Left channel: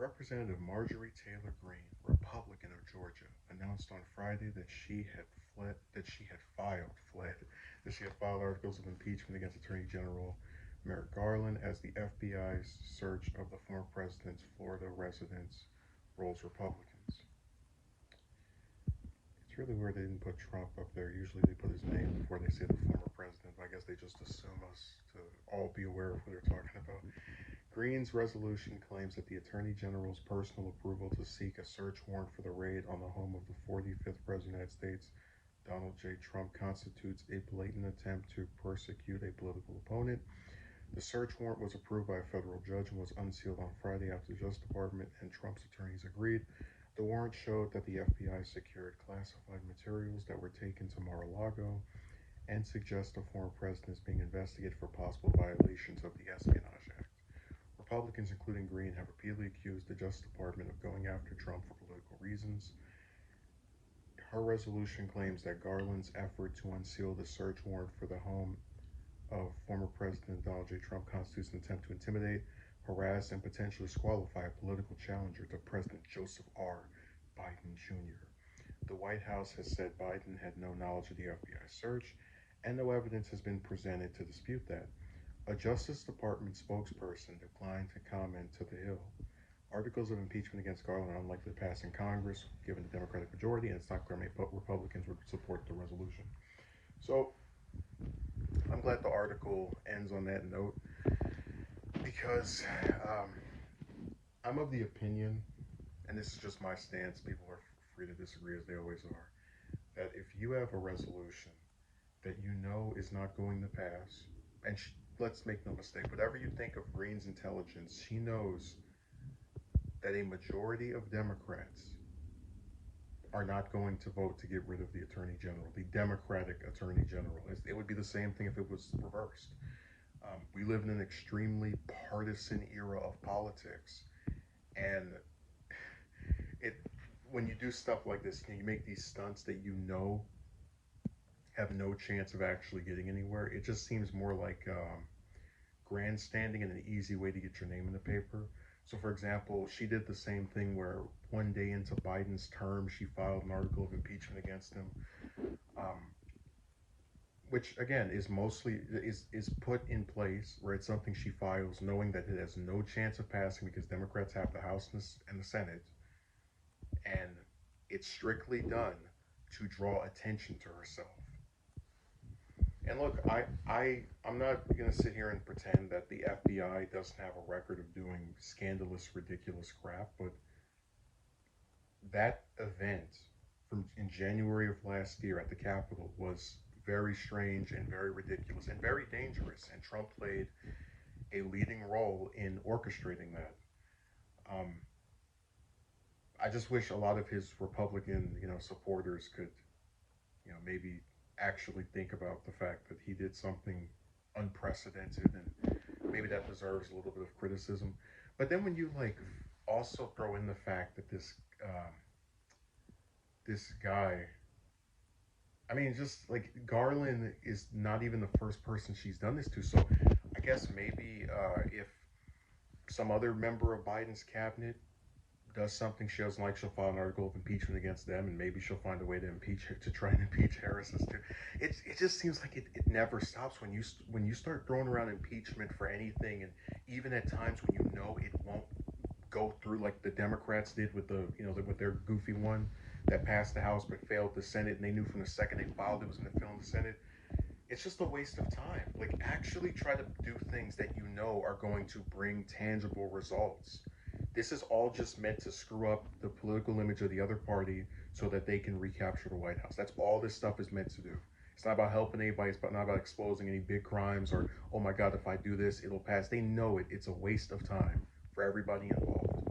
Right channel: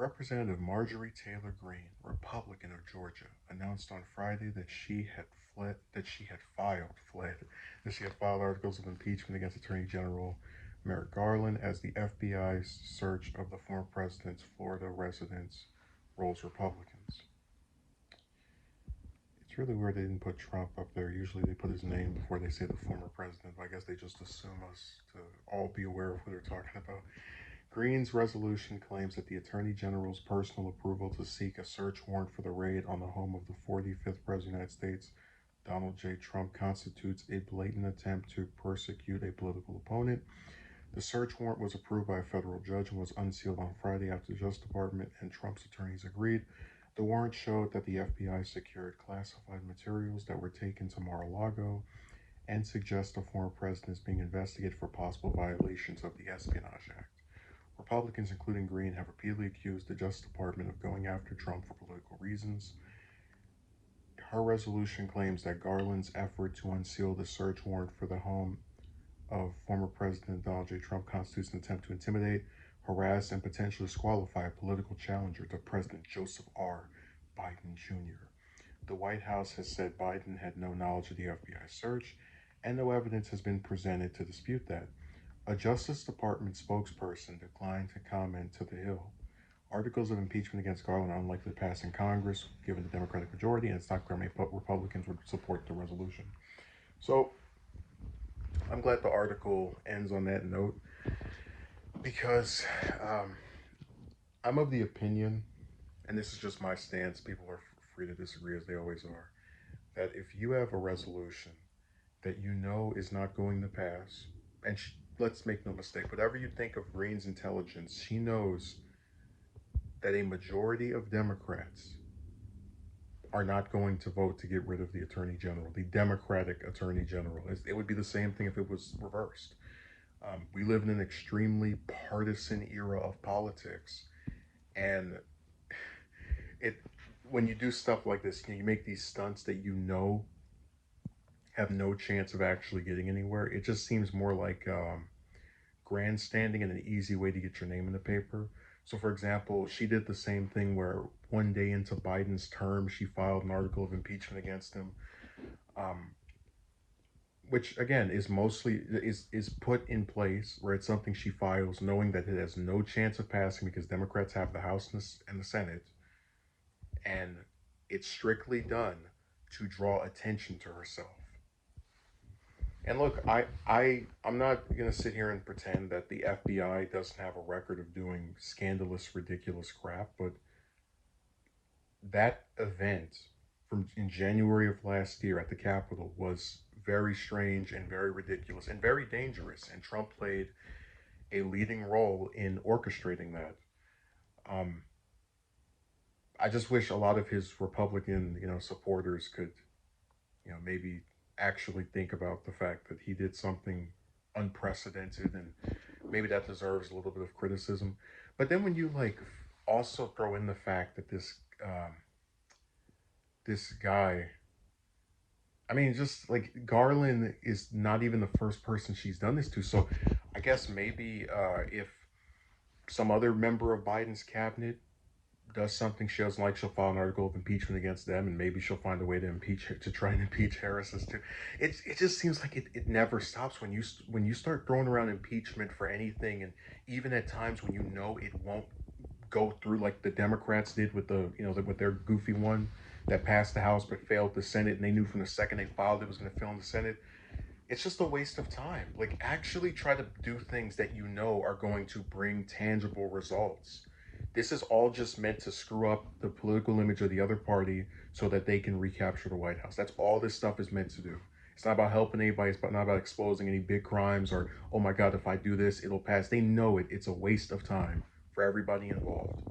Representative Marjorie Taylor Greene, Republican of Georgia, announced on Friday that she had filed articles of impeachment against Attorney General Merrick Garland as the FBI's search of the former president's Florida residence rolls Republicans. It's really weird they didn't put Trump up there. Usually they put his name before they say the former president, but I guess they just assume us to all be aware of who they're talking about. Greene's resolution claims that the Attorney General's personal approval to seek a search warrant for the raid on the home of the 45th President of the United States, Donald J. Trump, constitutes a blatant attempt to persecute a political opponent. The search warrant was approved by a federal judge and was unsealed on Friday after the Justice Department and Trump's attorneys agreed. The warrant showed that the FBI secured classified materials that were taken to Mar-a-Lago and suggests the former president is being investigated for possible violations of the Espionage Act. Republicans, including Greene, have repeatedly accused the Justice Department of going after Trump for political reasons. Her resolution claims that Garland's effort to unseal the search warrant for the home of former President Donald J. Trump constitutes an attempt to intimidate, harass, and potentially disqualify a political challenger to President Joseph R. Biden Jr. The White House has said Biden had no knowledge of the FBI search, and no evidence has been presented to dispute that. A Justice Department spokesperson declined to comment to The Hill. Articles of impeachment against Garland are unlikely to pass in Congress, given the Democratic majority, and it's not clear many Republicans would support the resolution. So, I'm glad the article ends on that note, because I'm of the opinion, and this is just my stance, people are free to disagree as they always are, that if you have a resolution that you know is not going to pass, and let's make no mistake, whatever you think of Greene's intelligence, she knows that a majority of Democrats are not going to vote to get rid of the Attorney General, the Democratic Attorney General. It would be the same thing if it was reversed. We live in an extremely partisan era of politics, and when you do stuff like this, you make these stunts that you know have no chance of actually getting anywhere. It just seems more like grandstanding and an easy way to get your name in the paper. So, for example, she did the same thing where one day into Biden's term, she filed an article of impeachment against him, which again is mostly is put in place where it's something she files knowing that it has no chance of passing because Democrats have the House and the Senate, and it's strictly done to draw attention to herself. And look, I'm not going to sit here and pretend that the FBI doesn't have a record of doing scandalous, ridiculous crap, but that event from in January of last year at the Capitol was very strange and very ridiculous and very dangerous, and Trump played a leading role in orchestrating that. Um, I just wish a lot of his Republican, supporters could, maybe actually think about the fact that he did something unprecedented, and maybe that deserves a little bit of criticism. But then when you also throw in the fact that this guy, I mean, just like Garland is not even the first person she's done this to. So I guess maybe if some other member of Biden's cabinet does something she doesn't like, she'll file an article of impeachment against them, and maybe she'll find a way to try and impeach Harris too. It just seems like it never stops when you start throwing around impeachment for anything, and even at times when you know it won't go through, like the Democrats did with with their goofy one that passed the House but failed the Senate, and they knew from the second they filed it was going to fail in the Senate. It's just a waste of time. Like, actually try to do things that you know are going to bring tangible results. This is all just meant to screw up the political image of the other party so that they can recapture the White House. That's all this stuff is meant to do. It's not about helping anybody. It's not about exposing any big crimes or, oh my God, if I do this, it'll pass. They know it. It's a waste of time for everybody involved.